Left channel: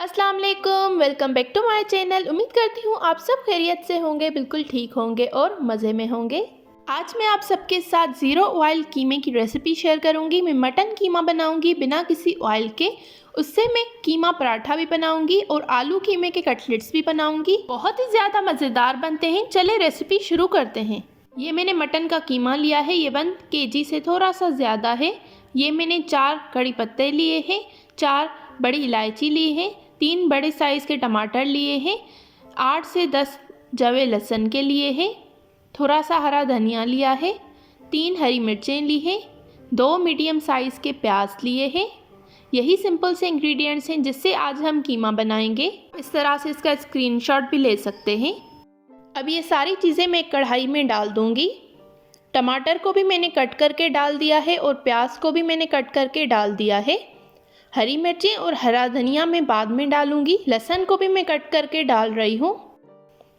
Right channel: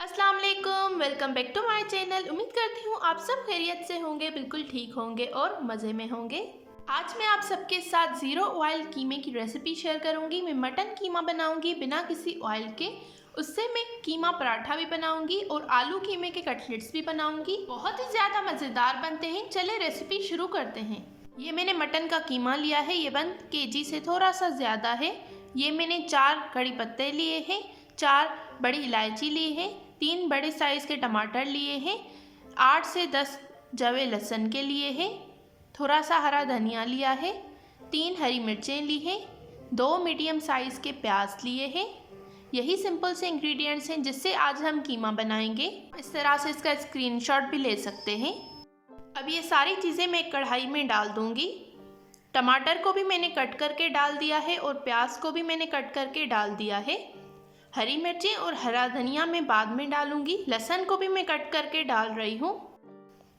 अस्सलाम वालेकुम, welcome back to my channel. उम्मीद करती हूँ आप सब खैरियत से होंगे, बिल्कुल ठीक होंगे और मज़े में होंगे। आज मैं आप सबके साथ ज़ीरो ऑयल कीमे की रेसिपी शेयर करूँगी। मैं मटन कीमा बनाऊँगी बिना किसी ऑयल के। उससे मैं कीमा पराठा भी बनाऊँगी और आलू कीमे के कटलेट्स भी बनाऊँगी। बहुत ही ज़्यादा मज़ेदार बनते हैं। चले रेसिपी शुरू करते हैं। ये मैंने मटन का कीमा लिया है, ये 1 kg से थोड़ा सा ज़्यादा है। ये मैंने 4 कड़ी पत्ते लिए हैं, 4 बड़ी इलायची ली है, 3 बड़े साइज़ के टमाटर लिए हैं, 8 से 10 जवे लहसुन के लिए हैं, थोड़ा सा हरा धनिया लिया है, 3 हरी मिर्चें ली हैं, 2 मीडियम साइज़ के प्याज लिए हैं। यही सिंपल से इंग्रेडिएंट्स हैं जिससे आज हम कीमा बनाएंगे। इस तरह से इसका स्क्रीनशॉट भी ले सकते हैं। अब ये सारी चीज़ें मैं कढ़ाई में डाल दूँगी। टमाटर को भी मैंने कट करके डाल दिया है और प्याज को भी मैंने कट करके डाल दिया है। हरी मिर्चें और हरा धनिया मैं बाद में डालूंगी। लहसुन को भी मैं कट करके डाल रही हूँ।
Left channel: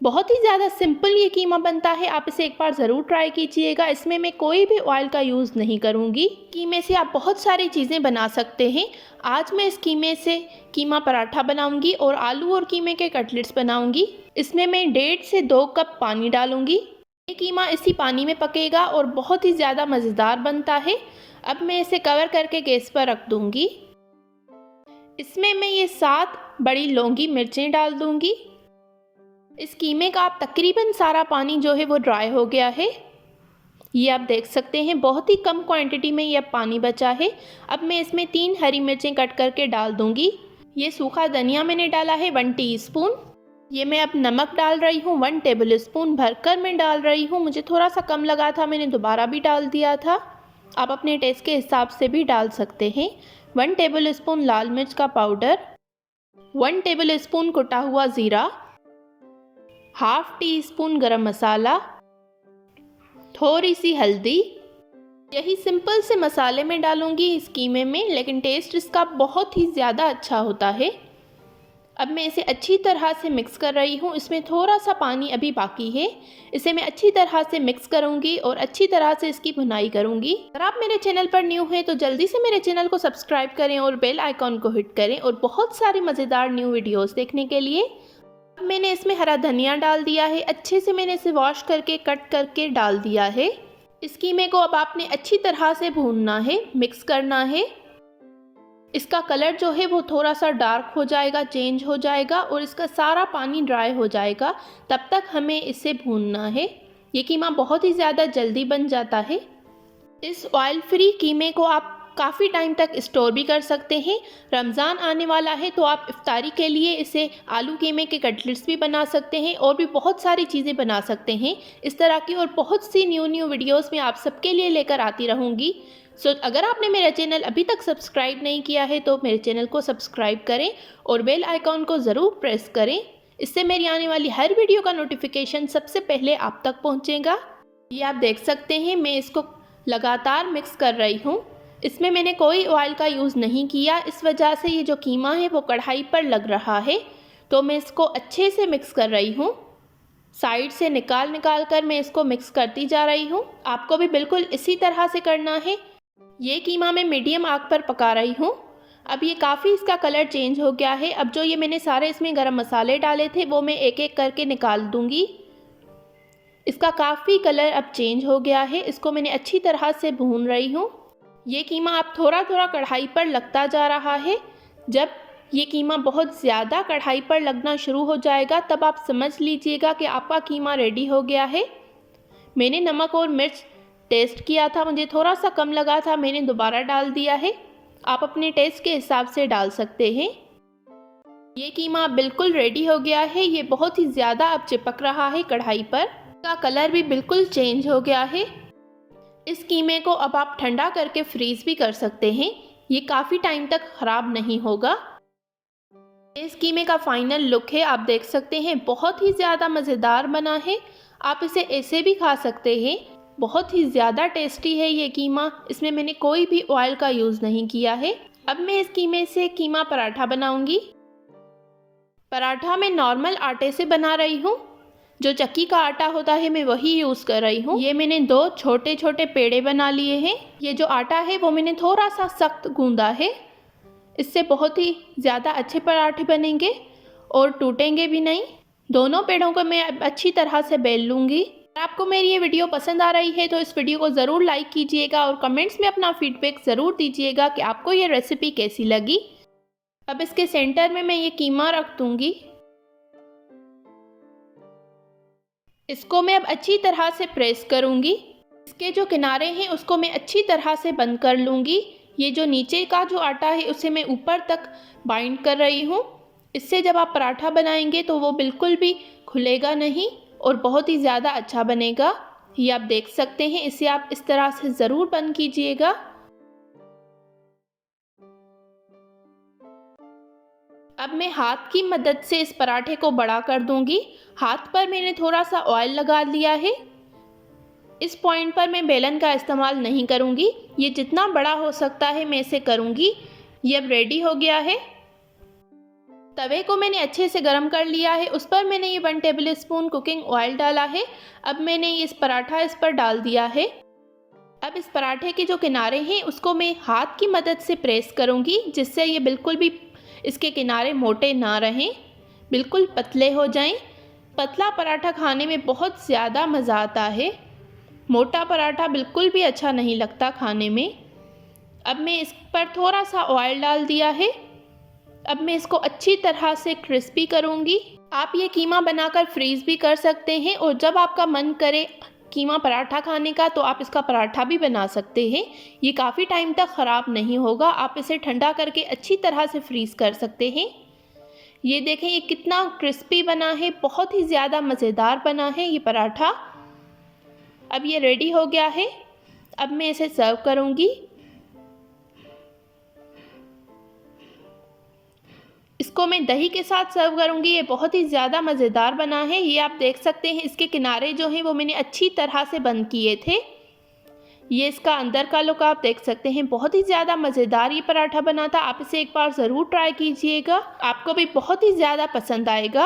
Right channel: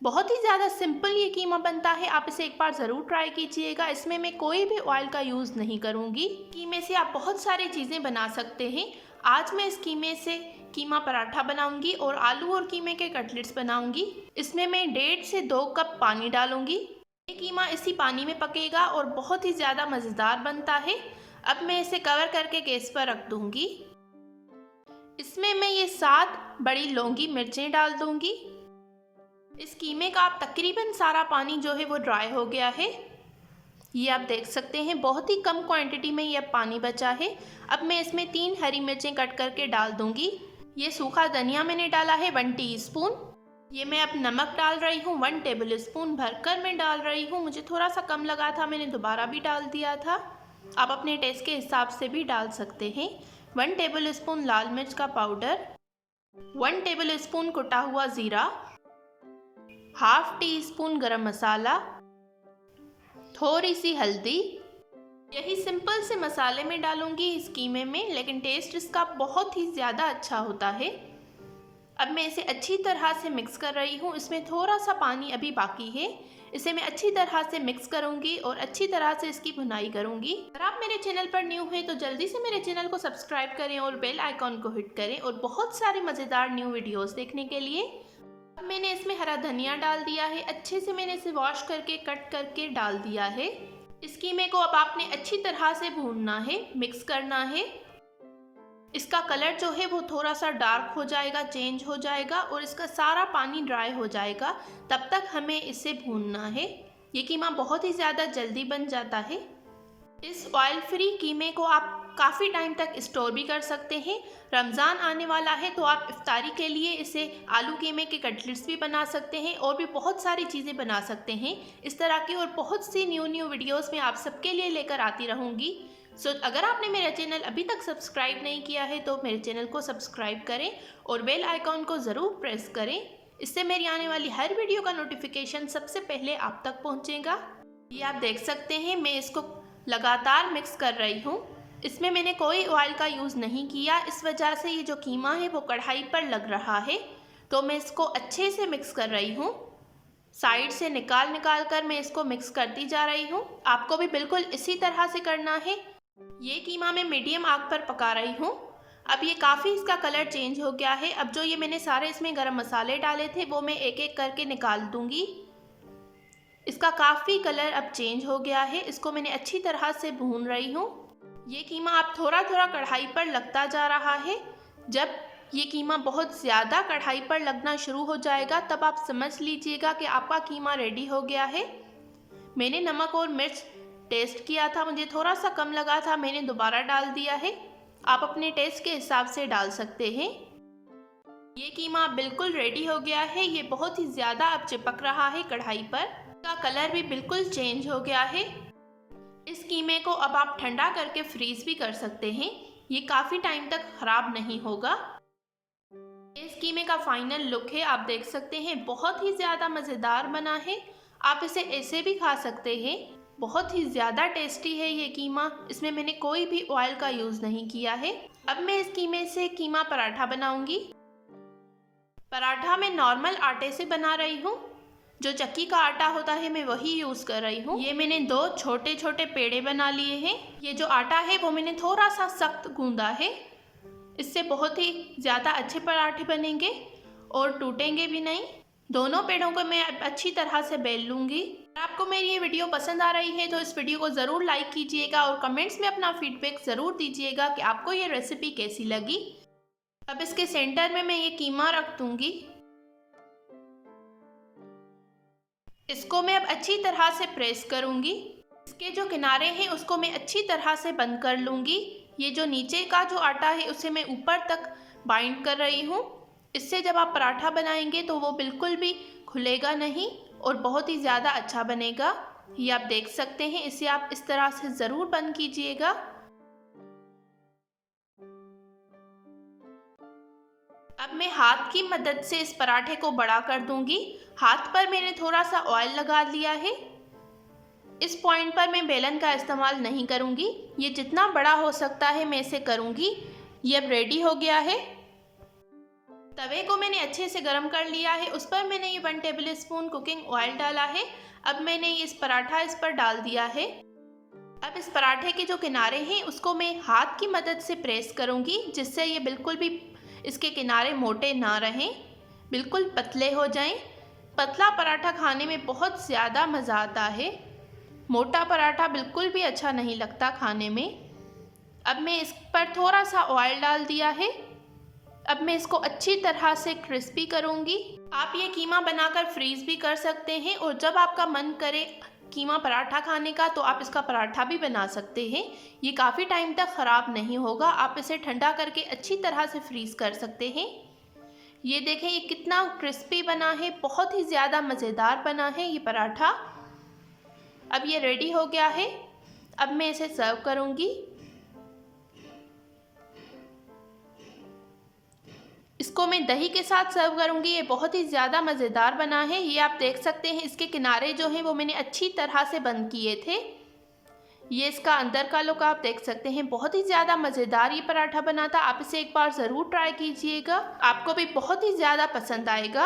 बहुत ही ज़्यादा सिंपल ये कीमा बनता है, आप इसे एक बार ज़रूर ट्राई कीजिएगा। इसमें मैं कोई भी ऑयल का यूज़ नहीं करूँगी। कीमे से आप बहुत सारी चीज़ें बना सकते हैं। आज मैं इस कीमे से कीमा पराठा बनाऊँगी और आलू और कीमे के कटलेट्स बनाऊँगी। इसमें मैं 1.5 से 2 कप पानी डालूँगी। ये कीमा इसी पानी में पकेगा और बहुत ही ज़्यादा मज़ेदार बनता है। अब मैं इसे कवर करके गैस पर रख दूँगी। इसमें मैं ये 7 बड़ी लौंगी मिर्चें डाल दूंगी। इस कीमे का आप तकरीबन सारा पानी जो है वो ड्राई हो गया है। ये आप देख सकते हैं, बहुत ही कम क्वांटिटी में ये अब पानी बचा है। अब मैं इसमें 3 हरी मिर्चें कट करके डाल दूंगी। ये सूखा धनिया मैंने डाला है 1 टीस्पून। ये मैं अब नमक डाल रही हूँ 1 टेबल स्पून भरकर मैं डाल रही हूँ। मुझे थोड़ा सा कम लगा था, मैंने दोबारा भी डाल दिया था। आप अपने टेस्ट के हिसाब से भी डाल सकते हैं। 1 टेबल स्पून लाल मिर्च का पाउडर, 1 टेबल स्पून कुटा हुआ ज़ीरा, हाफ टी स्पून गरम मसाला, थोड़ी सी हल्दी। यही सिंपल से मसाले में डालूंगी इस कीमे में, लेकिन टेस्ट इसका बहुत ही ज़्यादा अच्छा होता है। अब मैं इसे अच्छी तरह से मिक्स कर रही हूँ। इसमें थोड़ा सा पानी अभी बाकी है। इसे मैं अच्छी तरह से मिक्स करूँगी और अच्छी तरह से इसकी भुनाई करूँगी। अगर आप मेरे चैनल पर न्यू हैं तो जल्दी से मेरे चैनल को सब्सक्राइब करें और बेल आइकॉन को हिट करें और बहुत सारे मज़ेदार न्यू वीडियोस देखने के लिए। अब मैंने इसमें हरा धनिया डाल दिया है। अच्छे से मैंने इसे वॉश करके कट करके डाल दिया है। इस कीमे को अब आपने अच्छी तरह से भूनना है, मिक्स करना है। इसका कलर जो है वो थोड़ा सा डार्क हो जाएगा, चेंज हो जाएगा और इसका सारा पानी ड्राई हो जाएगा। तब तक हमें इसे भूनना है। ये कीमा बहुत ही ज़्यादा जल्दी बन जाता है। इस ऑयल फ्री कीमे को आप काफ़ी टाइम तक स्टोर भी कर सकते हैं। रमज़ान आने वाला है तो आप इफ्तारी के लिए इसे आलू कीमे के कटलेट्स भी बना सकते हैं और भी बहुत सारी चीज़ें बना सकते हैं। इस तरह की और बहुत सी न्यू वीडियोस में आप सबके लिए लेकर आती रहूँगी। अगर आपने मेरा चैनल अभी तक सब्सक्राइब नहीं किया है तो मेरे चैनल को सब्सक्राइब करें और बेल आइकॉन को ज़रूर प्रेस करें। इससे मेरी आने वाली हर वीडियो का नोटिफिकेशन सबसे पहले आप तक पहुंचेगा। ये आप देख सकते हैं, मैं इसको लगातार मिक्स कर रही हूँ। इसमें मैंने कोई ऑयल का यूज़ नहीं किया, इस वजह से ये जो कीमा है वो कढ़ाई पर लग रहा है। तो मैं इसको अच्छे से मिक्स कर रही हूँ। साइड से निकाल कर मैं इसको मिक्स करती जा रही हूँ। आपको भी बिल्कुल इसी तरह से करना है। ये कीमा मैं मीडियम आग पर पका रही हूँ। अब ये काफ़ी इसका कलर चेंज हो गया है। अब जो ये मैंने सारे इसमें गरम मसाले डाले थे वो मैं एक एक करके निकाल दूँगी। इसका काफ़ी कलर अब चेंज हो गया है। इसको मैंने अच्छी तरह से भून रही हूँ। ये कीमा अब थोड़ा थोड़ा कढ़ाई पर लगता जा रहा है। जब ये कीमा बहुत ज़्यादा कढ़ाई पर लगना शुरू हो जाएगा तब आप समझ लीजिएगा कि आपका कीमा रेडी हो गया है। मैंने नमक और मिर्च टेस्ट किया था, मुझे थोड़ा सा कम लगा था, मैंने दोबारा डाल दिया है। आप अपने टेस्ट के हिसाब से डाल सकते हैं। ये कीमा बिल्कुल रेडी हो गया है। ये बहुत ही ज़्यादा अब चिपक रहा है कढ़ाई पर। इसका कलर भी बिल्कुल चेंज हो गया है। इस कीमे को अब आप ठंडा करके फ्रीज़ भी कर सकते हैं। ये काफ़ी टाइम तक ख़राब नहीं होगा। इस कीमे का फाइनल लुक है, आप देख सकते हैं, बहुत ही ज़्यादा मज़ेदार बना है। आप इसे ऐसे भी खा सकते हैं। बहुत ही ज़्यादा टेस्टी है ये कीमा। इसमें मैंने कोई भी ऑयल का यूज़ नहीं किया है। अब मैं इस कीमे से कीमा पराठा बनाऊंगी। पराठा मैं नॉर्मल आटे से बना रही हूँ। जो चक्की का आटा होता है मैं वही यूज़ कर रही हूँ। ये मैंने 2 छोटे छोटे पेड़े बना लिए हैं। ये जो आटा है वो मैंने थोड़ा सा सख्त गूंदा है। इससे बहुत ही ज़्यादा अच्छे पराठे बनेंगे और टूटेंगे भी नहीं। दोनों पेड़ों को मैं अच्छी तरह से बेल लूँगी। अगर आपको मेरी ये वीडियो पसंद आ रही है तो इस वीडियो को ज़रूर लाइक कीजिएगा और कमेंट्स में अपना फीडबैक ज़रूर दीजिएगा कि आपको ये रेसिपी कैसी लगी। अब इसके सेंटर में मैं ये कीमा रख दूँगी। इसको मैं अब अच्छी तरह से प्रेस करूँगी। इसके जो किनारे हैं उसको मैं अच्छी तरह से बंद कर लूँगी। ये जो नीचे का जो आटा है उसे मैं ऊपर तक बाइंड कर रही हूँ। इससे जब आप पराठा बनाएंगे तो वो बिल्कुल भी खुलेगा नहीं और बहुत ही ज़्यादा अच्छा बनेगा। ये आप देख सकते हैं। इसे आप इस तरह से ज़रूर बंद कीजिएगा। अब मैं हाथ की मदद से इस पराठे को बड़ा कर दूंगी। हाथ पर मैंने थोड़ा सा ऑयल लगा लिया है। इस पॉइंट पर मैं बेलन का इस्तेमाल नहीं करूंगी। ये जितना बड़ा हो सकता है मैं इसे करूंगी। ये अब रेडी हो गया है। तवे को मैंने अच्छे से गर्म कर लिया है। उस पर मैंने ये 1 टेबल स्पून कुकिंग ऑयल डाला है। अब मैंने इस पराठा इस पर डाल दिया है। अब इस पराठे के जो किनारे हैं उसको मैं हाथ की मदद से प्रेस करूंगी, जिससे ये बिल्कुल भी इसके किनारे मोटे ना रहें, बिल्कुल पतले हो जाएं। पतला पराठा खाने में बहुत ज़्यादा मज़ा आता है। मोटा पराठा बिल्कुल भी अच्छा नहीं लगता खाने में। अब मैं इस पर थोड़ा सा ऑयल डाल दिया है। अब मैं इसको अच्छी तरह से क्रिस्पी करूंगी। आप ये कीमा बनाकर फ्रीज़ भी कर सकते हैं और जब आपका मन करे कीमा पराठा खाने का तो आप इसका पराठा भी बना सकते हैं। ये काफ़ी टाइम तक ख़राब नहीं होगा। आप इसे ठंडा करके अच्छी तरह से फ्रीज़ कर सकते हैं। ये देखें ये कितना क्रिस्पी बना है, बहुत ही ज़्यादा मज़ेदार बना है ये पराठा। अब ये रेडी हो गया है। अब मैं इसे सर्व करूँगी। इसको मैं दही के साथ सर्व करूँगी। ये बहुत ही ज़्यादा मज़ेदार बना है। ये आप देख सकते हैं इसके किनारे जो हैं वो मैंने अच्छी तरह से बंद किए थे। ये इसका अंदर का लुक आप देख सकते हैं। बहुत ही ज़्यादा मज़ेदार ये पराठा बना था। आप इसे एक बार ज़रूर ट्राई कीजिएगा, आपको भी बहुत ही ज़्यादा पसंद आएगा।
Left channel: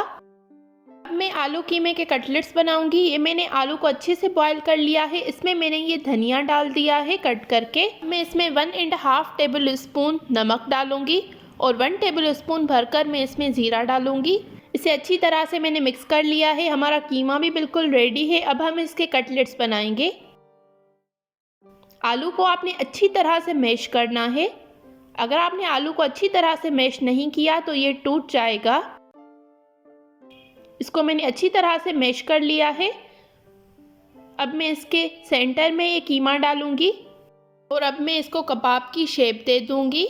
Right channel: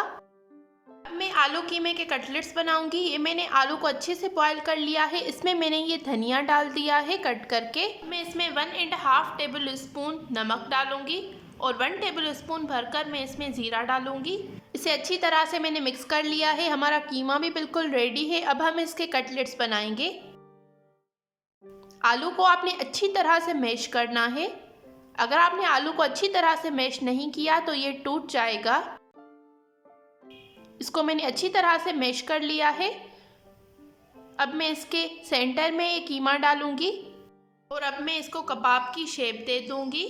अब मैं आलू कीमे के कटलेट्स बनाऊंगी। ये मैंने आलू को अच्छे से बॉईल कर लिया है। इसमें मैंने ये धनिया डाल दिया है कट करके। मैं इसमें 1.5 टेबल स्पून नमक डालूंगी और 1 टेबल स्पून भरकर मैं इसमें ज़ीरा डालूंगी। इसे अच्छी तरह से मैंने मिक्स कर लिया है। हमारा कीमा भी बिल्कुल रेडी है। अब हम इसके कटलेट्स बनाएंगे। आलू को आपने अच्छी तरह से मैश करना है। अगर आपने आलू को अच्छी तरह से मैश नहीं किया तो ये टूट जाएगा। इसको मैंने अच्छी तरह से मैश कर लिया है। अब मैं इसके सेंटर में ये कीमा डालूंगी और अब मैं इसको कबाब की शेप दे दूंगी।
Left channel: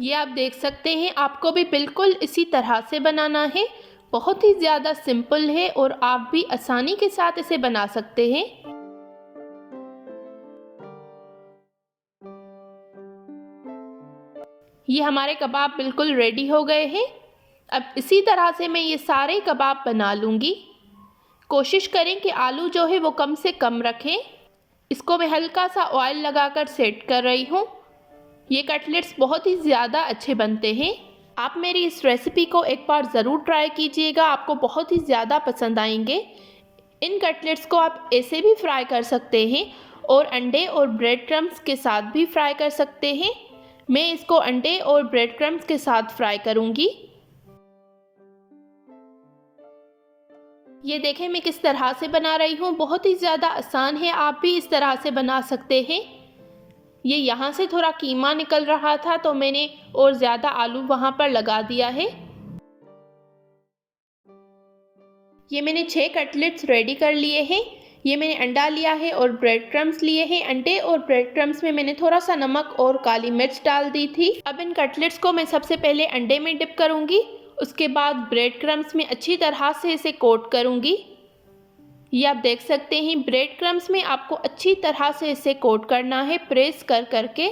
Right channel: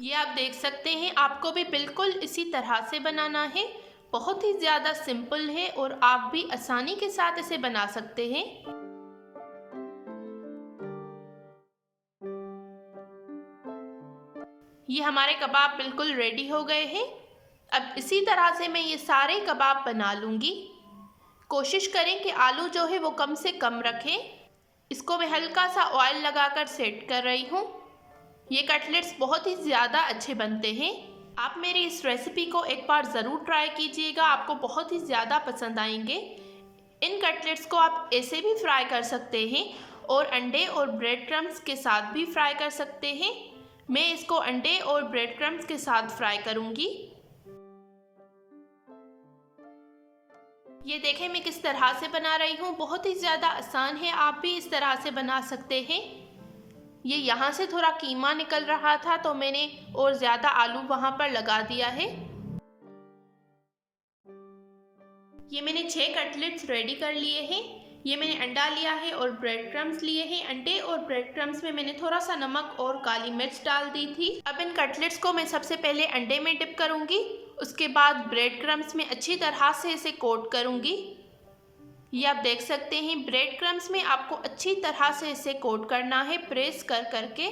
ये आप देख सकते हैं। आपको भी बिल्कुल इसी तरह से बनाना है। बहुत ही ज़्यादा सिंपल है और आप भी आसानी के साथ इसे बना सकते हैं। ये हमारे कबाब बिल्कुल रेडी हो गए हैं। अब इसी तरह से मैं ये सारे कबाब बना लूँगी। कोशिश करें कि आलू जो है वो कम से कम रखें। इसको मैं हल्का सा ऑयल लगाकर सेट कर रही हूँ। ये कटलेट्स बहुत ही ज़्यादा अच्छे बनते हैं। आप मेरी इस रेसिपी को एक बार ज़रूर ट्राई कीजिएगा, आपको बहुत ही ज़्यादा पसंद आएंगे। इन कटलेट्स को आप ऐसे भी फ्राई कर सकते हैं और अंडे और ब्रेड क्रम्स के साथ भी फ्राई कर सकते हैं। मैं इसको अंडे और ब्रेड क्रम्स के साथ फ्राई करूँगी। ये देखें मैं किस तरह से बना रही हूँ। बहुत ही ज़्यादा आसान है, आप भी इस तरह से बना सकते हैं। ये यहाँ से थोड़ा कीमा निकल रहा था तो मैंने और ज़्यादा आलू वहाँ पर लगा दिया है। ये मैंने 6 कटलेट्स रेडी कर लिए हैं। ये मैंने अंडा लिया है और ब्रेड क्रम्स लिए हैं। अंडे और ब्रेड क्रम्स में मैंने थोड़ा सा नमक और काली मिर्च डाल दी थी। अब इन कटलेट्स को मैं सबसे पहले अंडे में डिप करूँगी, उसके बाद ब्रेड क्रम्स में अच्छी तरह से इसे कोट करूँगी। ये आप देख सकते हैं ब्रेड क्रम्स में आपको अच्छी तरह से इसे कोट करना है। प्रेस कर करके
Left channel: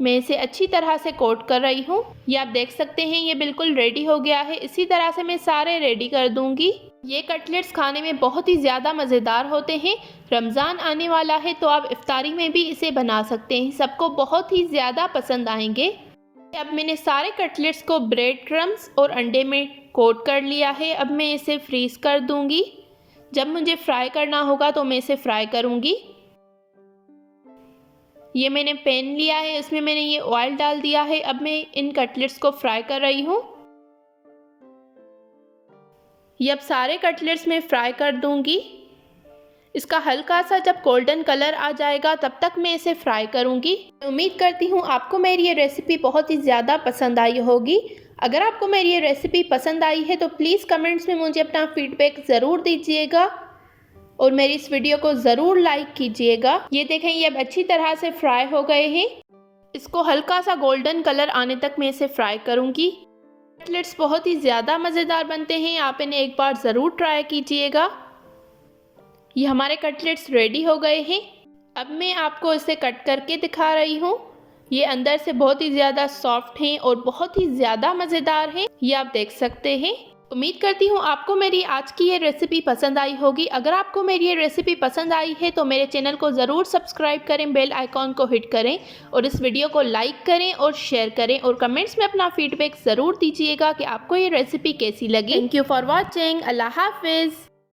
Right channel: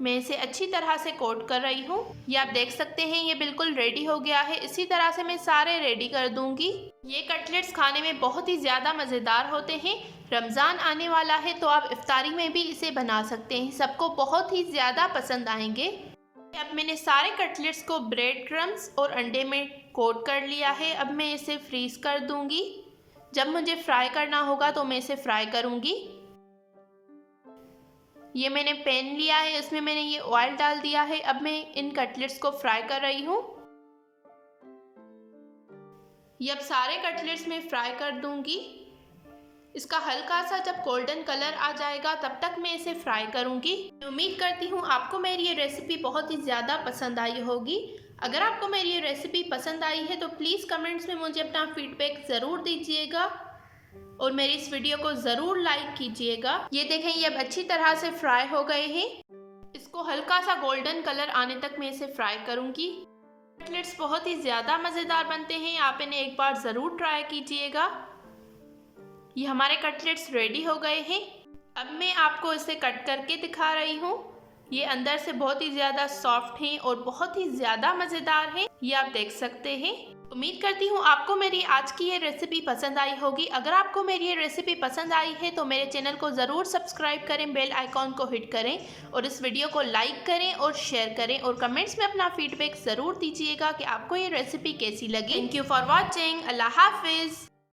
मैं इसे अच्छी तरह से कोट कर रही हूँ। ये आप देख सकते हैं ये बिल्कुल रेडी हो गया है। इसी तरह से मैं सारे रेडी कर दूँगी। ये कटलेट्स खाने में बहुत ही ज़्यादा मज़ेदार होते हैं। रमज़ान आने वाला है तो आप इफ्तारी में भी इसे बना सकते हैं, सबको बहुत ही ज़्यादा पसंद आएंगे। अब मैंने सारे कटलेट्स को ब्रेड क्रम्स और अंडे में कोट कर लिया है। अब मैं इसे फ्रीज़ कर दूँगी। जब मुझे फ्राई करना होगा तो मैं इसे फ्राई करूँगी। ये मैंने पैन लिया है, इसमें मैंने ये ऑयल डाल दिया है। अब मैं इन कटलेट्स को फ्राई कर रही हूँ। ये अब सारे कटलेट्स मैं फ्राई कर दूंगी। इसका हल्का सा जब गोल्डन कलर आ जाएगा तब तक मैं इसे फ्राई करूंगी। उम्मीद करती हूँ आपको मेरी ये रेसिपी बहुत ही ज़्यादा पसंद आई होगी। अगर आपको मेरी ये रेसिपी पसंद आई है तो प्लीज़ कमेंट्स में मुझे अपना फीडबैक ज़रूर दीजिएगा और मेरी इस वीडियो को ज़रूर लाइक कीजिएगा। ये देखें, ये अब अच्छी तरह से फ्राई हो गए हैं। इसको हल्का सा गोल्डन कलर आने तक मैं इसे फ्राई करूंगी। कटलेट्स बहुत ही ज़्यादा मज़ेदार बनते हैं, आप इन्हें एक बार ज़रूर ट्राई कीजिएगा। ये हमारे कटलेट्स रेडी हो गए हैं। अब मैं आपको इसे कट करके दिखा रही हूँ। ये अंदर से बहुत ही ज़्यादा सॉफ्ट हैं और बहुत ही ज़्यादा मज़ेदार हैं, ये आप देख सकते हैं। उम्मीद करती हूँ आपको मेरी आज की ये रेसिपी पसंद आई होगी। अगर आपको मेरी ये रेसिपी पसंद आई है तो मेरे चैनल को ज़रूर सब्सक्राइब करें, बेल आइकॉन को हिट करें और इस वीडियो को लाइक करें और शेयर करें और कमेंट्स में अपना फीडबैक ज़रूर दीजिएगा कि आपको ये रेसिपी कैसी लगी। Thank you for watching. अल्लाह हाफिज़।